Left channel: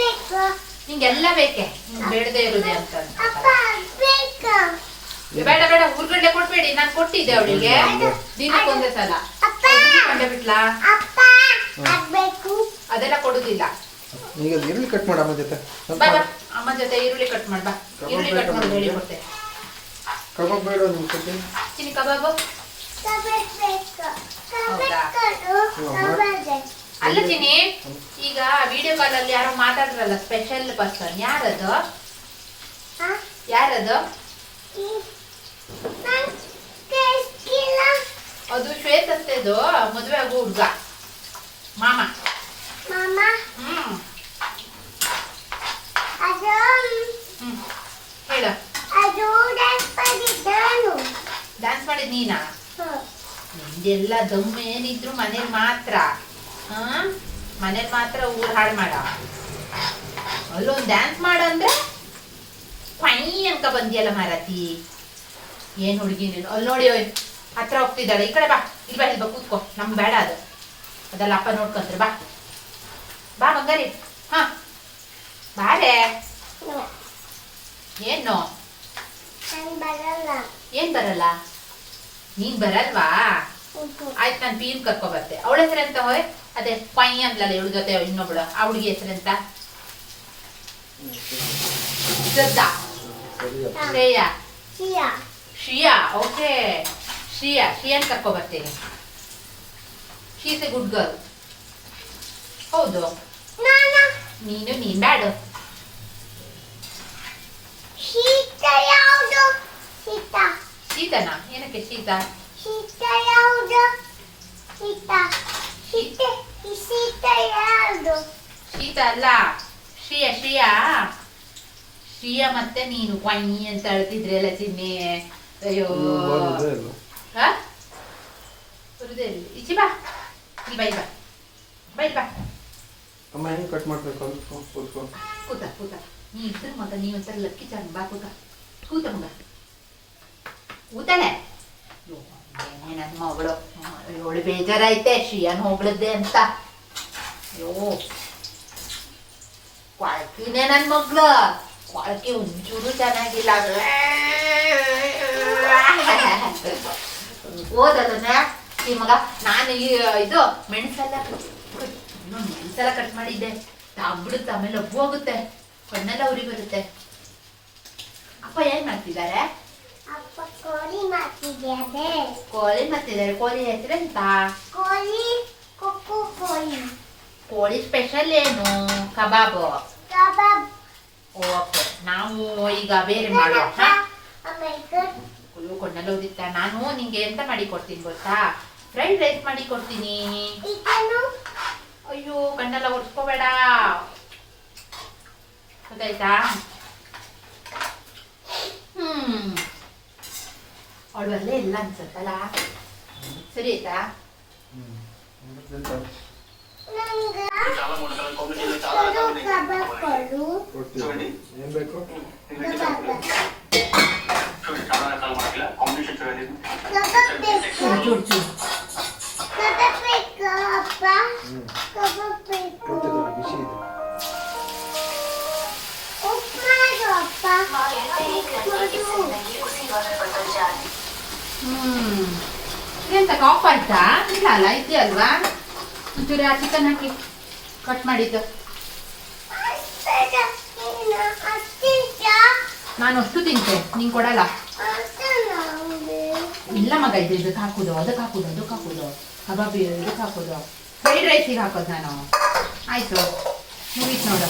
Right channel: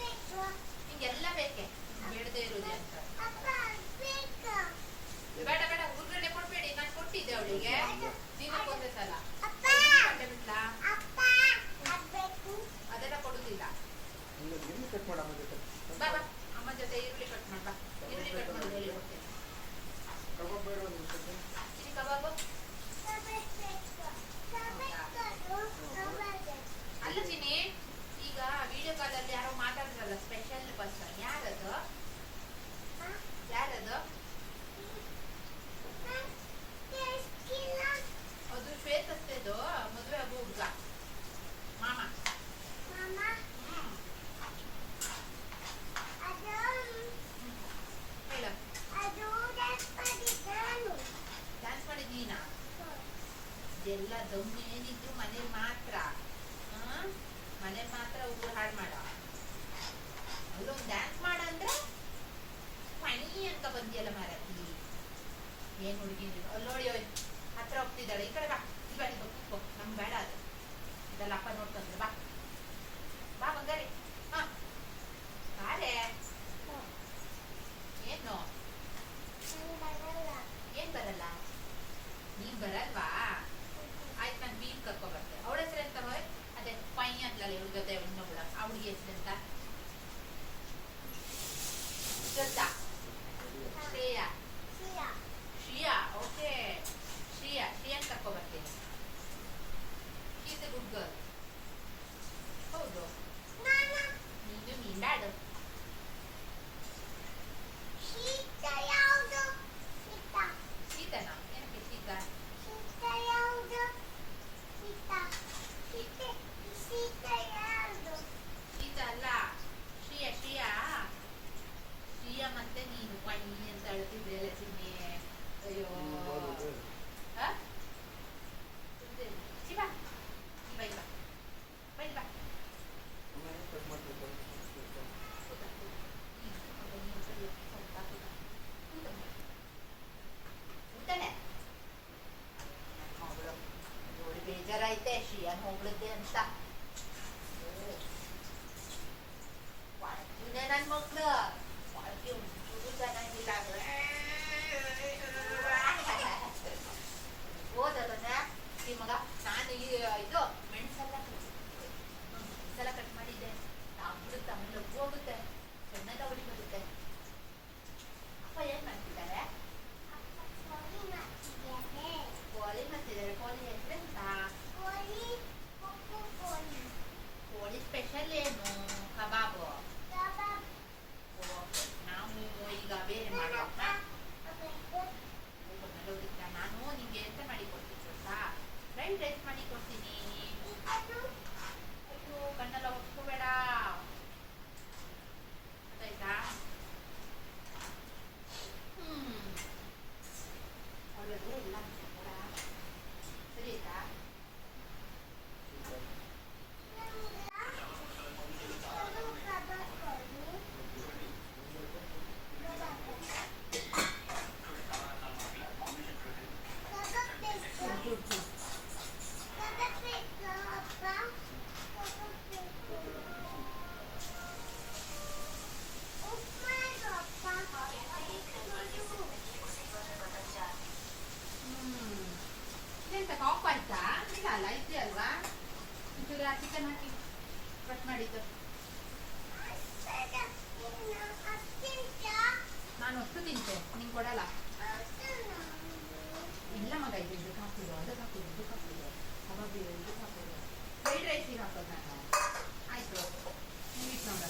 ಬೇಕು. ನಿಂಗೆಲ್ಲ ಬೇಕೆ? ಬೇಡದೆ ಬೇಡದೇ ಇರುದೇ ಅಂತ ಅಪ್ಪ ಬೇಕು. ಬೇಡ ಬೇಡ ಹುರ್ಗಡ್ಲೆ ಕೊಡ್ಬೇಡಿ ನಾನು ಕೊಟ್ಟಿದ್ದೆ ಅವಳಿಗೆ. ದಿನಕ್ಕೆ ಒಂದೇ ಸಲ. ಅಪ್ಪ. ಕಂಡೆ ಬಿಟ್ಲಾ ಅದೆಲ್ಲ ಕೊಡುದಿಲ್ಲ. ಈಗ ಈರುಳ್ಳಿ ಕಟ್ ಮಾಡ ಅಮ್ಮ ಜೊತೆ. ಬಾ ಬಾ. ಅಮ್ಮ ಜೊತೆ ಈರುಳ್ಳಿ ಕಟ್ ಮಾಡ್ ಬಾ. ಈರುಳ್ಳಿ ಕಟ್ ಮಾಡಿ ಹೇಳಿ ಕೊಡ್ತೆ ಕಬಾಬ್ ಬೇಡ ನಿಮ್ ಕೊಡ್ತೀನಿ ಚಿನಿ ಕಬಾಬು? ಕಬಾಬ್ ಬೇಕು? ಕಬಾಬ್ ಕಬಾಬ್ ಅಲ್ಲ ಚಿನಿ ಈಗ ವಿಡಿಯೋ ಕಾಲ್ ಅಲ್ಲಿ ಯಾರೋ ಮಾತಾಡ್ರಲ್ಲ ಸ್ಪೆಷಲ್ ಪರ್ಸನ್ ಯಾರದು? ಹಾ? ಯಾರದು? ಅದು ಶ್ವೇತತ್ತೆದು ಮದುವೆ ಆಗೋ ಹುಡ್ಗ. ಮಾಮ. ಹ್ಮ್. ಹ್ಮ್. ಹೇಳ. ಡ್ಯಾನ್ಸ್ ಮಾಡಿದ್ ನೀನಾ. ನಿಂದೆಲ್ಲ ದಮ್ಮು ಏನಿದ್ರು ಮನೇಲಿ ಮಾತ್ರ. ಮನೇಲಿ ಮಾತ್ರ ಊರ್ ಹಾಳು ಮಾಡ. ಅಲ್ಲೊಂದು ಡ್ಯಾನ್ಸ್ ಮಾಡಂದ್ರೆ ಫೈನ್ ಅನ್ಕ ಬಂದಿಯಲ್ಲ ಮಾರತಿ. ಏನ್ ಹುಡುಗಿ ನೀನು? ಅಲ್ಲಿ ನೋಡಿ ಹತ್ರ ಹೋಗ್ತಿದ್ದಾಳೆ ಈ ಕಡೆ ಬಾ. ಇಲ್ಲಿ ಬಾ ಇಲ್ಲಿ ಬಾ ಕೂತ್ಕೋ. ನಮ್ ಬೇಡ ಅದು. ಅದೆಲ್ಲ ಅಪ್ಪ ನೋಡ್ಕೊಂತ್ರಿ. ಬಾ. ಬಾ ಬಂಗಾರಿ. ಹಾ. ಬಾರೆ ಏನು? ಏನ್ ಬರಲ್ಲ? ನೀನ್ ಬರಲ್ವಾ? ಆಯ್ತು ನಾನು ಬೀನ್ ಕರ್ಕೊ ಬರ್ತೆ. ಅವಳ ಎಂತ ಹೋಯ್? ಅದೇ ಪೈ ಅಂದ್ಲಲ್ಲ ಇವಳ ಜೊತೆ ಇನ್ನೊಬ್ಳು ಆ ಹುಡುಗಿ ಹೆಸರೆಂತ ಶ್ರದ್ಧಾ. ಶ್ರೇಯಾ. ಶಿಯಾ ಶ್ರಿಯಾ ಓಕೆ. ಶ್ರಿಯಾ ಶ್ರಿಯಾನ್ ಕರ್ಕೊ ಬರ್ತೀನಿ. ಶೀಸ್ ಎ ಗುಡ್ ಗರ್ಲ್ ಹೌದು. ನಾನು? ನೀನು ಬ್ಯಾಡು. ಶೀತನ? ಏನಕ್ಕೆ ಶೀತ? ಶೀತ ಯಾವುದು? ಶೀತ. ಶೀತ. ಶೀತ ಅಲ್ಲ ಶ್ರಿಯಾ ಶ್ರಿಯಾ. ಶ್ರೀಯ ಮತ್ತೆ ನೀನು. ವೈ ಅಂತ ಹೇಳ್ತಿದ್ರಲ್ಲ ಚಿನ್ನಿ. ಅಯ್ಯೋ. ಈಚೆ ಬಾ ಇಲ್ಲಿ. ಬೈ. ಬಾ. ಬೈ ಬಾ. ಅಮ್ಮ ಹೆಂಗ್ ಕಟ್ ಮಾಡ್ಬೇಕು ಕೂತ ಕೂತ. ನೀ ಇದ್ರ ಮಗ ನೀ ಒಂದ್ಸಲ ಲಕ್ಕಿ ಚಾನ್ ಬಾ ಕೂತ. ಕೂತ ಮಗ. ಏನೇ ನನ್ನ ಮಗಳು? ಇವಳು ಬೇಜಾರೈತೆ ಶ್ರೀಯನ್ ಹೋಗ್ಲದ್ದೆ ಅಂತ. ಅಯ್ಯೋ. ಕೊಳಕಿನೇ ನನ್ನ ಮಗಳು ಕೊಳಕೆ ಒಂಚೂರು ಚೆನ್ನಾಗಿಲ್ಲ ಓದದನ್ನ ಈ ಮಗ ನಾನು ಈ ಇದು ಮೆಣಸೆಲ್ಲ ಮೆಣಸೆಲ್ಲ ಕಟ್ ಮಾಡಿದ್ದೆ. ಆಗ್ಬಿಡುತ್ತೆ ಆಮೇಲೆ ಒಬ್ಬು ಹೋಗುತ್ತೆ. ಕಣ್ಣೆಲ್ಲ ಉರಿ ಬರುತ್ತೆ. ಅಪ್ಪ ಏನ್ ಮಾಡ್ತಿದ್ದಾರೆ? ಅಪ್ಪ ಕೋಳಿ ಮಾಡ್ತಿದ್ದಾರೆ. ಕೋಳಿ ಮಾಡ್ತಿದ್ದಾರೆ. ಕೋಳಿ ಹೆಸರೆಂತ ಕೋಳಿ ಕೊಕ್ಕು ಕೋಳಿ. ಕೋಳಿ ಸ್ಪೆಷಲ್ ಏನು? ಕಬಾಬ್. ಕಬಾಬ್. ಓಕೆ ನಾವು ಈಗ ಬೇರೆ ಮಾಡೋ ಹಾ? ಆಮೇಲೆ ಅಯ್ಯೋ ಕಣ್ಣೆಲ್ಲ ಉರಿತ ನಾನು ನಿಂಗೆ ಎಂತ ಮಾಡಿ ಕೊಡ್ತೀನಿ ಗೊತ್ತಾ? ಫ್ರೈಡ್ ರೈಸ್ ಮಾಡಿ ಕೊಡ್ತೀನಿ. ಅಯ್ಯೋ ಕಣ್ಣೆಲ್ಲ ಒಡ್ಸ್ಕೋಬೇಡ ಗೊತ್ತಾಯ್ತಾ? ಹ್ಮ್. ಅವಳು ಅಲ್ಲೇ ಇಲ್ಲ ಅನ್ಸತ್ತಲ್ಲ? ಸರಿ ಆಯ್ತಾ. ನಂಗೆ ಕೊಡು ಕಬಾಬ್ ಕೊಡು ಕೊಡ್ತೀವಿ ಏನ್ ಬೇಕು ಕಬಾಬ್ ಕಬಾಬ್ ಬೇಕು ಚೂರು ಚೂರು ಕಬಾಬ್ ಬೇಕು ಅಪ್ಪ ಹ್ಮ್ ಕಬಾಬ್ ಬೇಕು ಕೊಡ್ತಿದ್ದು ಬಿಸಿ ಇದೆ ಉಪ್ಪು ಮಾಡು ಒಂಚೂರು ಆ ಚಿಕನ್ ಹಾಕಿ. ಕಟ್ ಮಾಡಿದ್ದು. ನಾನು ಅಷ್ಟು ತಿಂತೆ, ನೀನ್ ಕೊಡಲ್ಲ. ಇಲ್ಲ ಮಗ, ಇದು ಇದಕ್ಕೆ ಹಾಕುದು, ಅದಕ್ಕೆ ಹಾಕುದು ಅದಕ್ಕೆ ಹಾಕುದು. ಕಬಾಬಿ ಇದಕ್ಕೆ ಹಾಕುದು. ಫ್ರೈಡ್ ರೈಸಿಗೆ ಹಾಕೋದು ನಾನು. ಆಯ್ತು. ಮುಗೀತು ನೋಡು.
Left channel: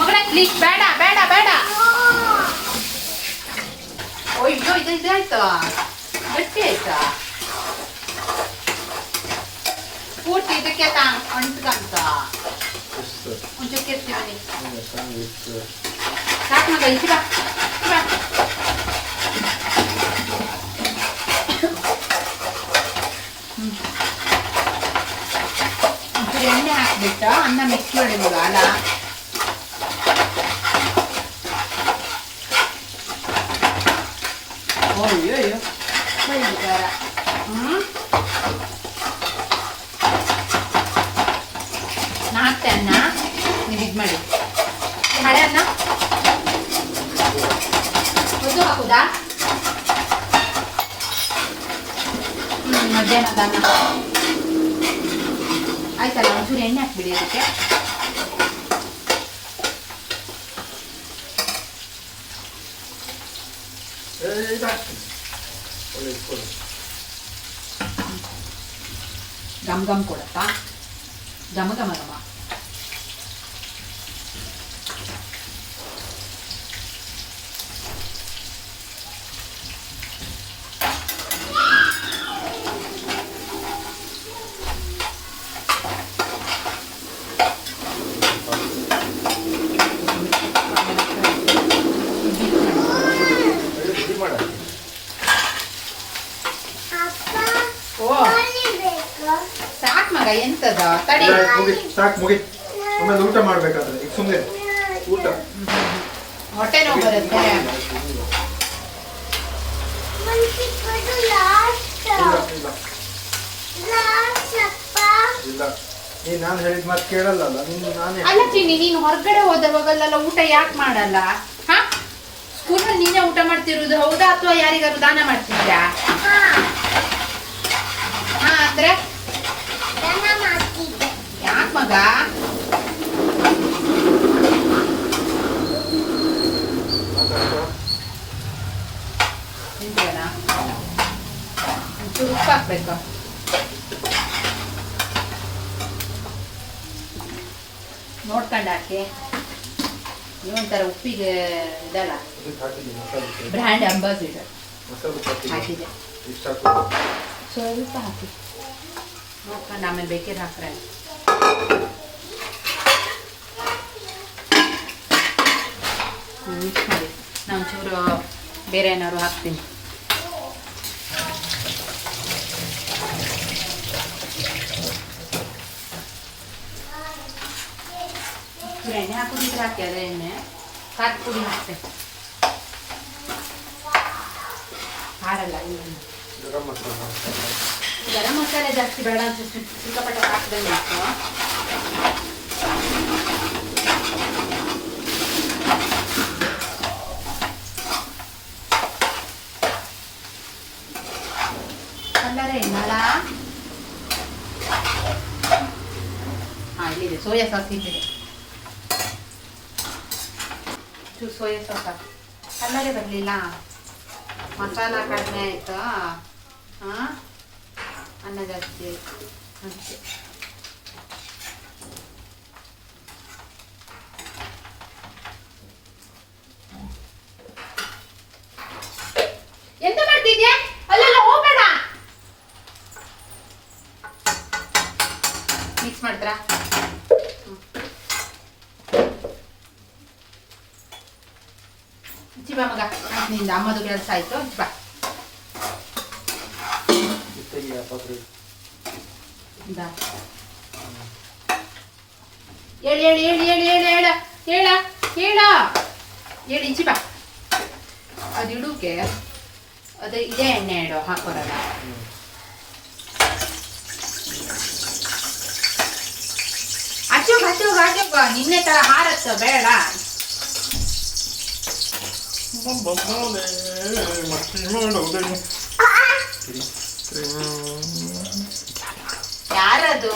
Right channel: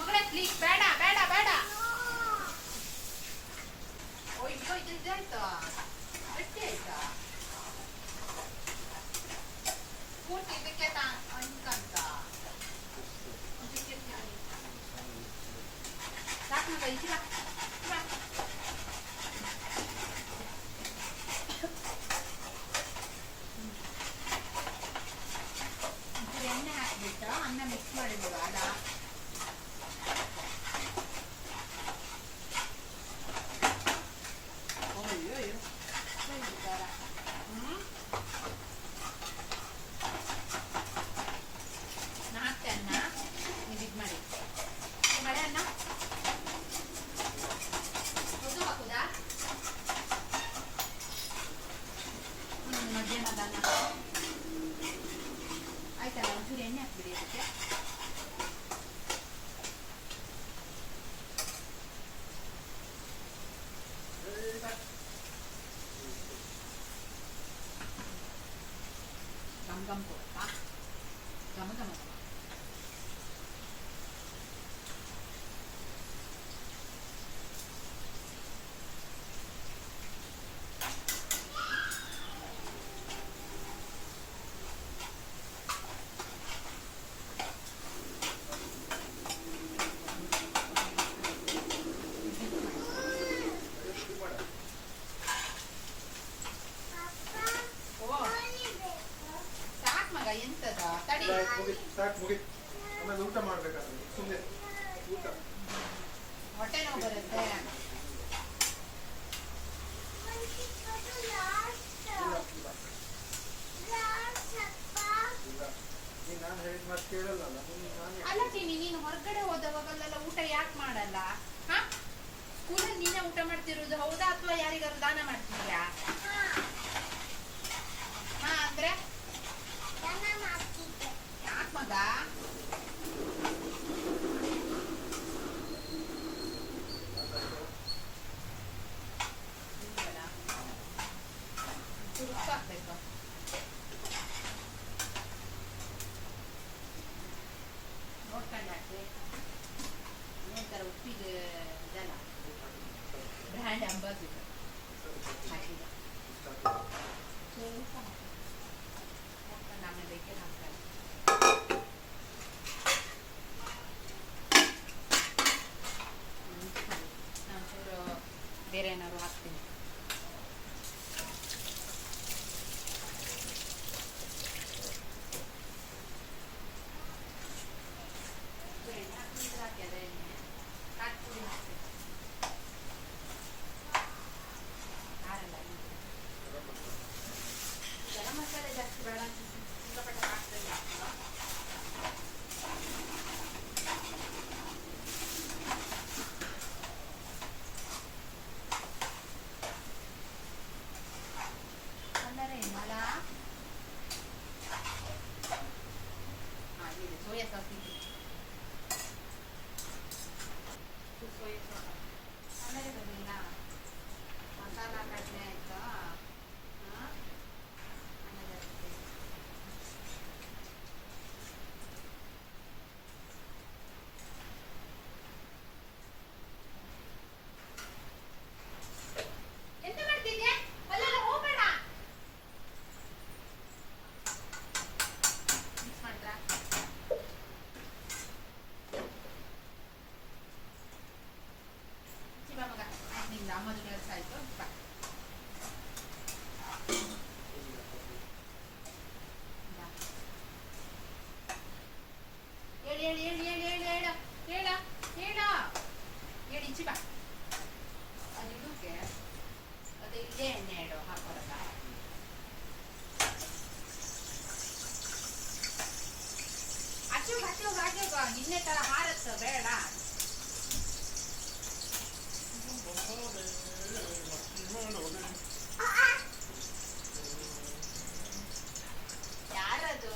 ಮಗಳ ಪ್ಲೀಸ್ ಬೇಡ ಬೇಡ ಬೇಡ ಅಯ್ಯೋ ಇದು ಇದಾಯ್ತಾ ಗಟ್ಟಿ ಆಯ್ತಾ ಪೂರ್ತಿ ಇದಕ್ಕೆ ತಾ ಅಂಟ್ಕಂತ ಎಷ್ಟು ಒಂಚೂರು ಕೆರ್ತೀವಿ ಚೆನ್ನಾಗಿತ್ತು ಸಾಕು ಮಗ ಇಸಿ ಬಾ ಇಸಿ ಬಾ ಹ್ಮ್. ಒಂಚೂರು ಎಣ್ಣೆ ಹಾಕ್ಬಿಟ್ಟು ಅನ್ನ ಮಿಕ್ಸ್ ಮಾಡಿ ಮಗ ಅಲ್ಲ ಅಯ್ಯೋ ಅಯ್ಯೋ ಬೈಗಾರ ಹ್ಞೂ ನಾ ಹಾಕ್ತೆ ಅನ್ನ ನೀವು ಇದು ಮಾಡಿ. ಈ ಹಳೆ ಅನ್ನ ಅದು ಹಾಕುದಾ? ಹ್ಞೂ ಮಧ್ಯಾಹ್ನದ ಅನ್ನ ಆಯ್ತಲ್ಲ ಒಂಚೂರು ಎಣ್ಣೆ ಹಾಕ್ಬಿಡಿ ಅದಕ್ಕೆ. ಏ, ಇದಾಗ್ತದೆ. ಒಳ್ಳೆ ಇಟ್ಕೊಳ್ಳಿ. ಗಮ್ ಗಮ್ ಕೊಡತ್ತಾ ಘಮ ಘಮ ಘಮ ಒಳ್ಳೆ ಪುಡಿ ಮಾಡಾಕಿ. ಅಪ್ಪ ಓ ಪಾನಿ ಬೇಕು ಸಾಕ್ ಮಗ ಎಂತದ ತಡಿ ಇಲ್ಲ, ಮುಗಿ ಸಾಕು ಮುಗಿ. ಆಮೇಲೆ ಊಟ ಮಾಡ್ಬೇಕಾದ್ರೆ. ಈಗ ಸುಮ್ಮನೆ ಊಟ. ಹೊಟ್ಟೆ ನೋವು ಬರುತ್ತೆ. ಇಲ್ಲ ನಾನು ಹೇಳಿದ ಮಾತು ಕೇಳಲ್ಲ ನಿನ್ನ ನಾನೇ ಅಲ್ಲ ಚಿನ್ನಿ ನೀನು ಹೊರಗಡೆ ಹೋದವಾಗಲ್ಲ ಊಟ ಯಾಕೆ ಮಾಡಲ್ಲ? ಹಾ? ಸ್ಕೂಲಲ್ಲಿ ನೀನೇ ಊಟ ಮಾಡ್ತಿರೋದು ಹೌದಾ ಅಥವಾ ಯಾರಿಗಾದ್ರು ದಾನ ಮಾಡ್ತಿದ್ಯಾ? ಹಾ ಅಂದ್ರೆ? ಮಗ ಉಪ್ಪು ಹಾಕ್ಬೇಕು ನೋಡ್ಕೊಂಡು ಹಾಕಿ ನೀವೊಂಥರ ಉಪ್ಪಿಗೆ ಇದಲ್ಲ ಬ್ರ್ಯಾಂಡ್ ಅಂಬಾಸಿಡರ್ ಹಾಕಿದೆ ಸ್ವಲ್ಪ ಹಾಕಿ ನೋಡ್ಕೊಂಡು ಆಮೇಲೆ ಬೇಕಿದ್ರೆ ಹಾಕ್ರೆ ಮಿಕ್ಸ್ ಮಾಡಿ ನಾನು ಚೂರು ಬೇರೆ ಏನಾದ್ರು ಹಾಕ್ತೀನಿ. ಎಣ್ಣೆ ಹಾಕೋದಿದ್ರೆ ಹಾಕಿ, ಅದೇ ಎಣ್ಣೆ. ಖಾರದ ಪುಡಿ ಹಾಕ್ತೆ. ಇಲ್ಲ. ಗರಂ ಮಸಾಲ ಗರಂ ಮಸಾಲೆ ಜಾಸ್ತಿ ಬೇಡ ಅಂತ ಸಿ- ಸಿಕ್ಕಾಪಟ್ಟೆ ಹಾಕಿದಂಗೆ ಇತ್ತು ಕಲ್ಲರೆ ಇನ್ನಲ್ಲ ಹಾ ಇಲ್ಲಿದೆ ಸೋಯಾ ಸಾಸ್ ಇಲ್ಲಿದೆ ಚೂರು ಸೋಯಾ ಸಾಸ್ ಹಾಕು ಕಲ್ಲರೆ ಬರಲಿಲ್ಲ ಮಸಾಲ ಕಡಿಮೆ ಆಯ್ತಾ ಹಾಂ ಅನ್ನ ಜಾಸ್ತಿ ಆಯಿತು ಅಷ್ಟೇ ಎಂತ ಹೋಗ್ಬೇಡ. ಮಿಕ್ಸ್ ಚಿಬಾ ಮಗ ಅಮ್ಮದು ಕೆಲಸ ಆಯ್ತು ಬಾ. ಇಂದ. ಹೇಳಿ ಹೇಳಿ ಹೇಳಿ ಹೇಳಿ ಹೇಳಿ ಹೇಳ ಹೇಳ ಹೇಳ. ಹೇಳಿ ಈಚೆ ಬಾ. ಅದು ಇಡುಕೆ ಅದು ಇದೇ ಎಣ್ಣೆ ಇಡು ಹಾಕೋರಲ್ಲ. ಹಚ್ಚೋಗ ಹಚ್ಚೋಗ ಹಚ್ಚೋಗ ನಿನ್ನೆ ತರ ಹಾರತ್ತ ಬೇಡ. ಮಸ್ತಿ ಮಾಡೋದೆ. ಯಾರದು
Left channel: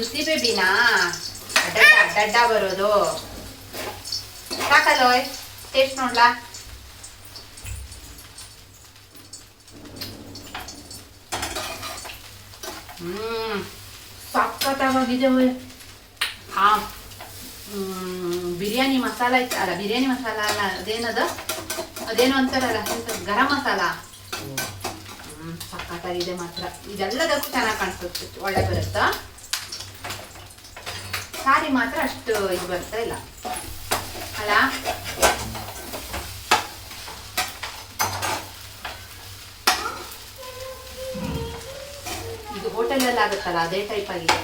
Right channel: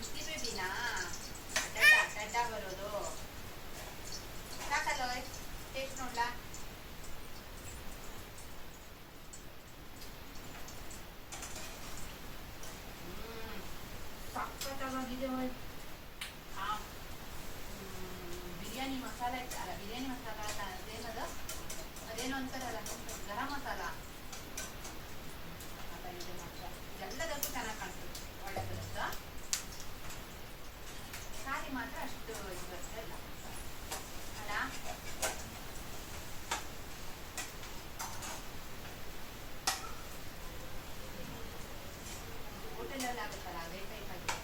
ಸುಸಿ ಬೇಬಿನಾ? ಅಡ್ಡ ಅಡ್ಡ ಬರೋದು. ಸಾಕಲ್ಲೋಯ್ ಟೇಸ್ಟ್ ನೋಡ್ಲಾ? ಹ್ಮ್ ಸಕ್ಕತ್ತಾಗಿದೆ ಹಾ ಬಿರಿಯಾನಿ ಮಸಾಲ ಐತೆ ಅಲ್ಲ ಬಿರಿಯಾನಿ ಮಸಾಲ ಅಲ್ಲ, ಅದೇನದ? ಅದೇನು ಅಂತಾರಲ್ಲ ಗರಂ ಮಸಾಲ? ಸಖತ್ತಾಗಿದೆ ಮಾತ್ರ. ಇದೆಲ್ಲದಕ್ಕೂ ಚೆನ್ನಾಗಿ ಕಾಣಿಸುತ್ತೆ, ಒಳ್ಳೆ ಬರುತ್ತಾ? ಸಾರಿ ಮಾತ್ರ ಅಷ್ಟು ಇದು ಬರ್ತಾ ಇಲ್ಲ. ಅಲ್ಲ ಇದು ಹೋಟೆಲಲ್ಲಿ ಆಗುತ್ತಲ್ಲ, ಅದೇ ಟೈಪ್ ಆಗಿದೆ.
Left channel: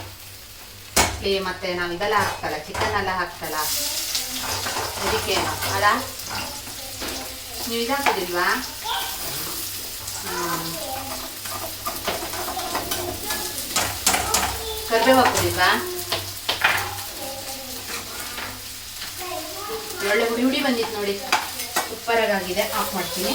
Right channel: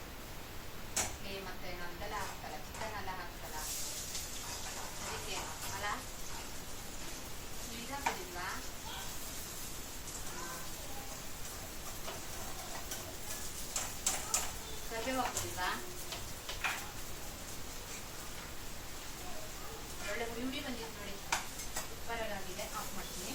ಏ, ಮತ್ತೆ ನಾವು ಇದೆಲ್ಲ ಹಾಕ್ತಲ್ಲ ಚಿಕನ್ ಎಲ್ಲ ಹಾಕ್ತಲ್ಲ. ಅದಕ್ಕೆ ಅಲ್ಲ ನೀವು ಇದಾಕೋದಿಲ್ವಾ ಕರ್ಬೇವು ಹಾಕೋದಿಲ್ವಾ? ಒಳ್ಳೆ ಹುಡಿ ಹುಡಿ ಬಂದಿತ್ತು ನೋಡಿ. ಉಪ್ಪರಾಗಿದೆ ಆಫ್ ಮಾಡ್ತೀನಿ.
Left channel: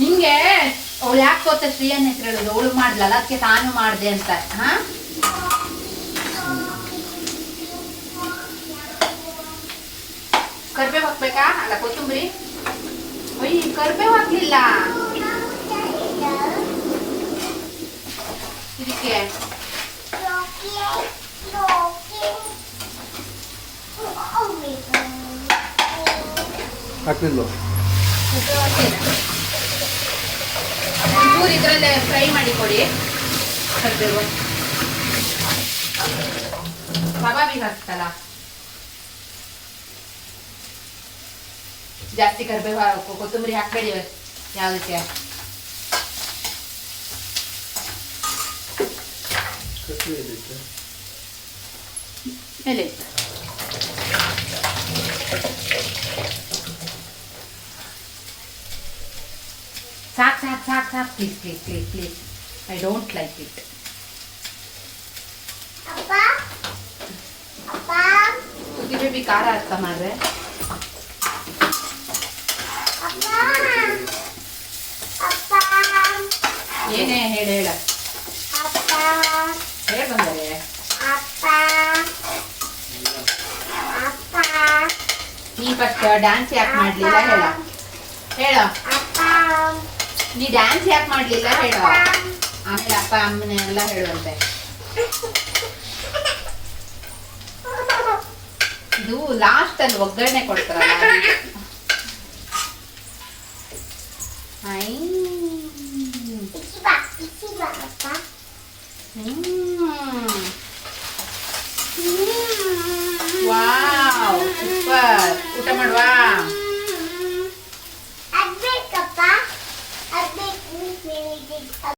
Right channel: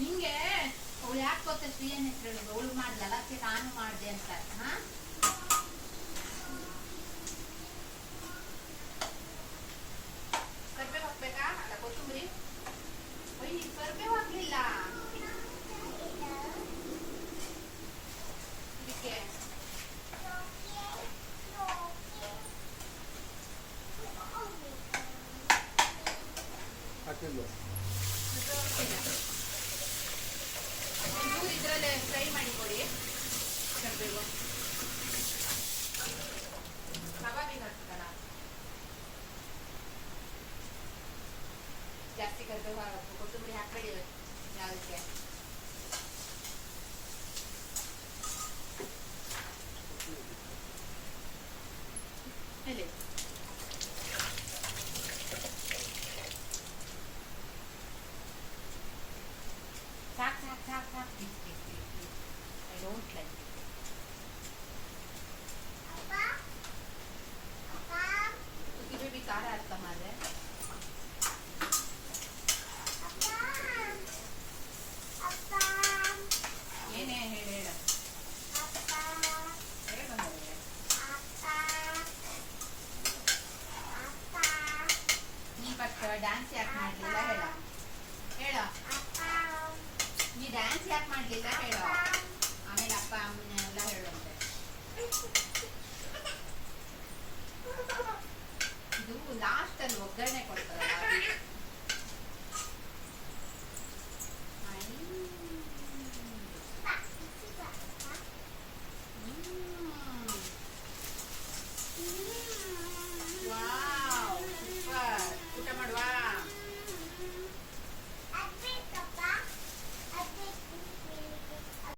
ನಿಂಗೆ ಅವಳು ಯಾಕೆ ಗೊತ್ತಾ ಶ್ರೀಯನ್ ಹೆಸರು ಹೇಳೋದು? ಅವಳು ಮಾಡ್ಲಲ್ಲ, ಅದಕ್ಕೆ ತಾನು ಮಾಡಿದೆ ಅಂತ. ಹಾ ಕರ್ಬೇವು ಹಾಕ್ಬೇಕಾ ಅಲ್ಲ ಕೊತ್ತಂಬರಿ ಅಯ್ಯ ಕರ್ಬೇವು ಹಾಕ್ಲಿಲ್ಲ ಇದಕ್ಕೆ ಹಾಕ್ಲಿಲ್ವ ಕರ್ಬೇವು ಹಾಕ್ಲಿಲ್ಲ ಚೂರು ಇದರಲ್ಲೇ ಫ್ರೈ ಮಾಡಿ ಕೊಡಿ ಕರ್ಬೇವು ಕಬಾಬಿಗೆ ಹಾಕ್ತಲ್ಲ ಜಾಸ್ತಿ ಕರ್ಬೇವು ಹಾಕು- ಕೊತ್ತಂಬರಿ ಹಾಕ್ಬೇಡಿ ಯಾವುದಕ್ಕೆ ಮೇಲೆ ಇಟ್ಟು. ಸಾಕ್ ಸಾಕ್ ಸಾಕ್ ಸಾಕ್ please please please please I don't like it ಸುದ್ದಿ ಬೇಬಿ ಖಾರ ಅರ್ಥ ಮಾಡ್ರೆ ಏನೇ ಹೇಳ ಹೇಳ ಹೇಳ ಬಂದರೆ ನೀ ಫಸ್ಟ್ ಡ್ಯಾನ್ಸ್ ಯಾಕೆ ಮಾಡ್ಲಿಲ್ಲ ಹೇಳ ಹೇಳ ನೀ ಡ್ಯಾನ್ಸ್ ಯಾಕೆ ಮಾಡ್ಲಿಲ್ಲ ಹೇಳು. ಆಮೇಲೆ ಅಪ್ಪ ಅಮ್ಮನೆ ಎಲ್ಲ ಹೇಳುವಂತೆ. ಇದು ಲಾಸ್ಟ್ ಅಲ್ಲಿ ಒಗ್ಗರಣೆ ಕೊಡ್ತಾರಲ್ಲ. Wow, super. ಊಟ ಮಾಡುವಾ?